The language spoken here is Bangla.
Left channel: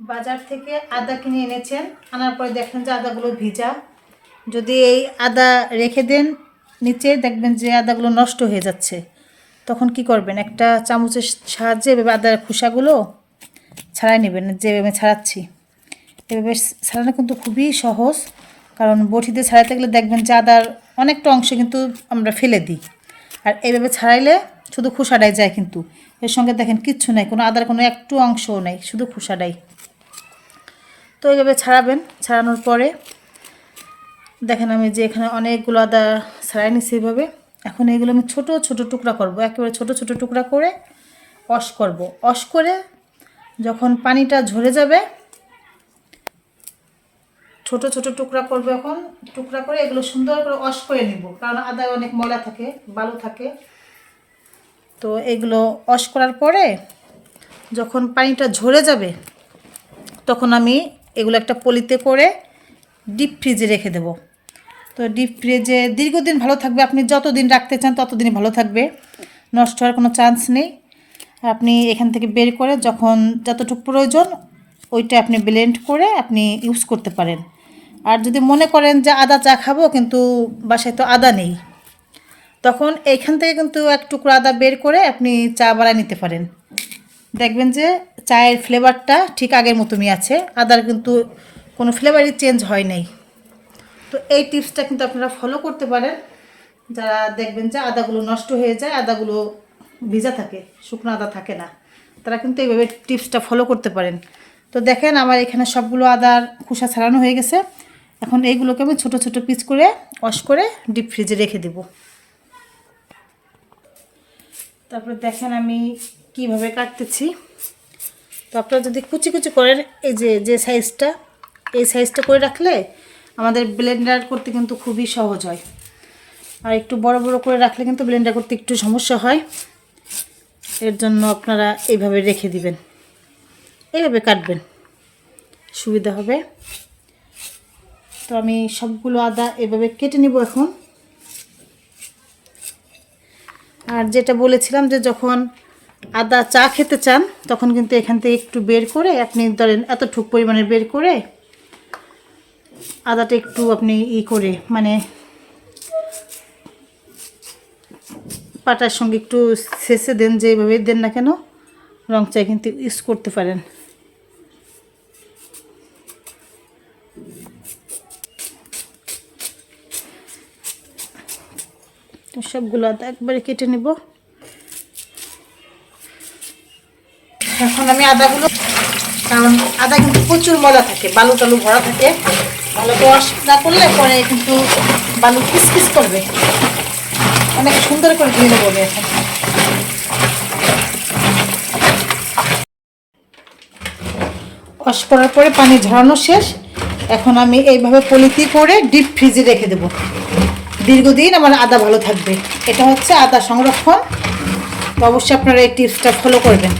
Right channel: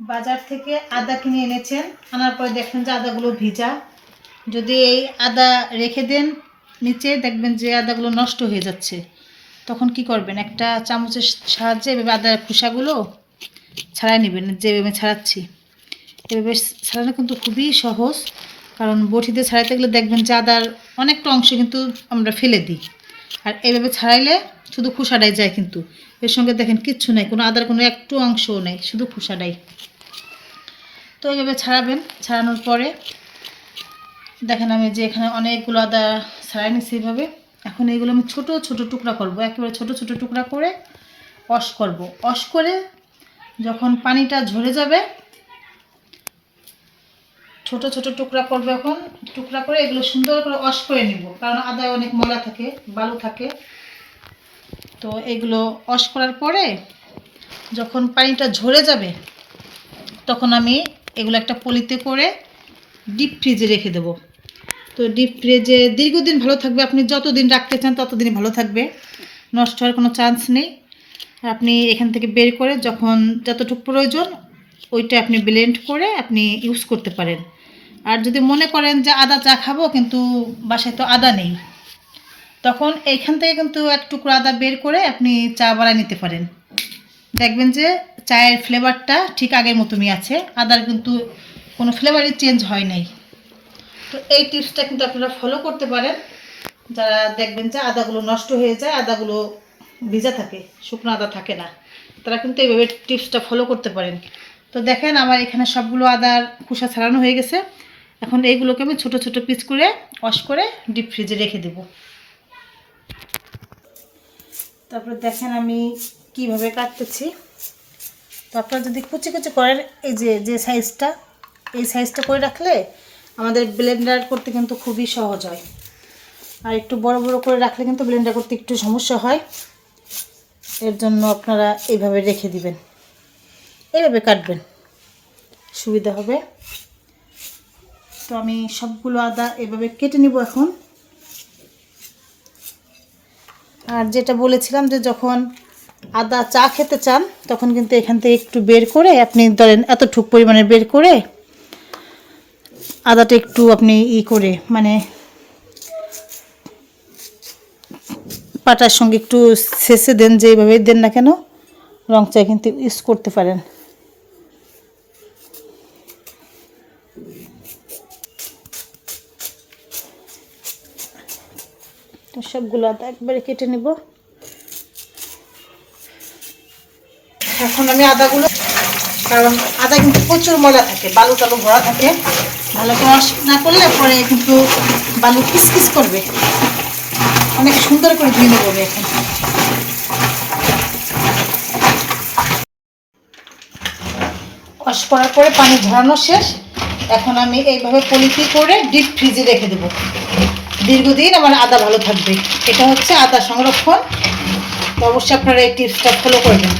বাজার থেকে আদা কিনে এনেছেন। আনার পরে দেখবেন যে আদাগুলো ভিজা। যদি এই আদা রেখে দেন নিচে, দেখবেন যে আদাগুলো নষ্ট হয়ে যাচ্ছে। তখন কি করবেন? একটা চামচের সাহায্যে এভাবে আদার খোসাগুলো ছাড়াই নেবেন, যেভাবে ছাড়াচ্ছি। এভাবে ছাড়ানো কিন্তু খুবই সহজ, কারণ বটিতে ছাড়াতে গেলে দেখবেন যে আদার অনেকটা অংশ কিন্তু আমরা ফেলে দিই। আর এইভাবে ছাড়াইলে শুধু খোসাটাই যায় কিন্তু। এর সঙ্গে দেখেন কিচ্ছু নাই, কোনো আদার কোনো একটু অংশও নেই, শুধু খোসাটাই। তো এইভাবে ছাড়াবেন, ছাড়ানোর পরে দেখেন আমি যে এখানে অনেকগুলো আদা ছাড়াই নিচ্ছি এইভাবে এখন এইগুলো আমি ছোট ছোট টুকরা করব, একেবারে ছোট ছোট টুকরা করে অস করব। অস করে যখন পানিটা ঝরে যাবে, ছোট ছোট টুকরা করব এখন। টুকরা করে এগুলো সুন্দর করে অস করে নিব, কারণ আদায় অনেক ময়লা থাকে, বালু থাকে। তো এগুলো অস করার পরে যখন পানিটা ঝরে যাবে, তখন আমি এগুলো একটা পলিতে করে ডিপ ফ্রিজে রেখে দেবো। তো ডিপ ফ্রিজে দীর্ঘদিন ভালো থাকবে, আপনি যতদিন রাখতে চান ততদিনই ভালো থাকবে, নষ্ট হওয়ার কোনো চান্স নেই। আপনি এখান থেকে বের করে যখন যতটুকু প্রয়োজন, ওইটা আপনি ব্লেন্ড করে আপনি ইউজ করতে পারেন। আর যদি মনে করেন যে আদা চা খাব, কিন্তু বাসায় তো আদা নেই তখন এইখান থেকে কিন্তু এক টুকরো আদা বের করে আপনি চা বানায় নিতে পারেন। দেখবেন যে চায়ের ফ্লেভারটা ঠিক আগের মতনই আছে, আদার কিন্তু কোনো ফ্লেভারই চেঞ্জ হয় নাই। তো এই টিপসটা কিন্তু আপনারা ফলো করতে পারেন। যারা দেখবেন যে আদাগুলো নষ্ট হয়ে যায়, আদাগুলো ভিজা থাকে, শুকনো আদা থাকে না, তারা কিন্তু এইভাবে টিপসটা ফলো করতে পারেন। তো দেখেন আমার এখানে সবগুলো আদার খোসা ছাড়ানো হয়ে গেছে। এখন এইগুলোকে আমি ছোট ছোট পিস করে ওয়াশ করে ডিপ ফ্রিজে রেখে দেবো। তারপর দেখেন আমি কীভাবে কাটতেছি। তো আপনারা যদি কুচি কুচি করেন, এই যে যে সাইজটা এই সাইজটা করে রাখলে আমাদের ব্লেন্ডার করতে কিন্তু খুবই সহজ হয়। আর একটু বড় বড় করে রাখলে কিন্তু ব্লেন্ডার করতে একটু সমস্যা হয়। এর জন্য আপনারা এইভাবে রেখে দিবেন। এইভাবে কাটবেন। সুবিধা হবে। তো আমি সবগুলো আদা এভাবে কেটে নিব এখন। আর যেটা বলেছিলাম যে যখন আদা চা খেতে চান, তখন কিন্তু এখান থেকে একটু বের করে আপনি ধরেন এতটুক পরিমাণে বের করে আদাটা একটু আপনি ই করে মানে পাটার সঙ্গে একটু শেষে দেন, যেভাবে দেন না কেন রং চা কিন্তু ইউজ করতে পারেন। সবগুলো একবারে কেটে নেব। এখন আমি আদাগুলো, কারণ আদা কিন্তু প্রচুর ময়লা থাকে, বালু টালু ভরা থাকে। ভালো ওয়াশ না করলে পরে কিন্তু বালু কিস কিস করবে। অনেক সুন্দর করে ধুয়ে নেব আমি এখন। ওয়াশ করার পরে পানি ঝরানো শেষ। এখন আমি এইভাবে পলিথি করে ডিপ ফ্রিজে রেখে দেবো। দীর্ঘদিন আমার আদা ভালো থাকবে। এটা হচ্ছে আদা সংরক্ষণ। অবশ্যই আপনারা এই টিপসটা ফলো করবেন।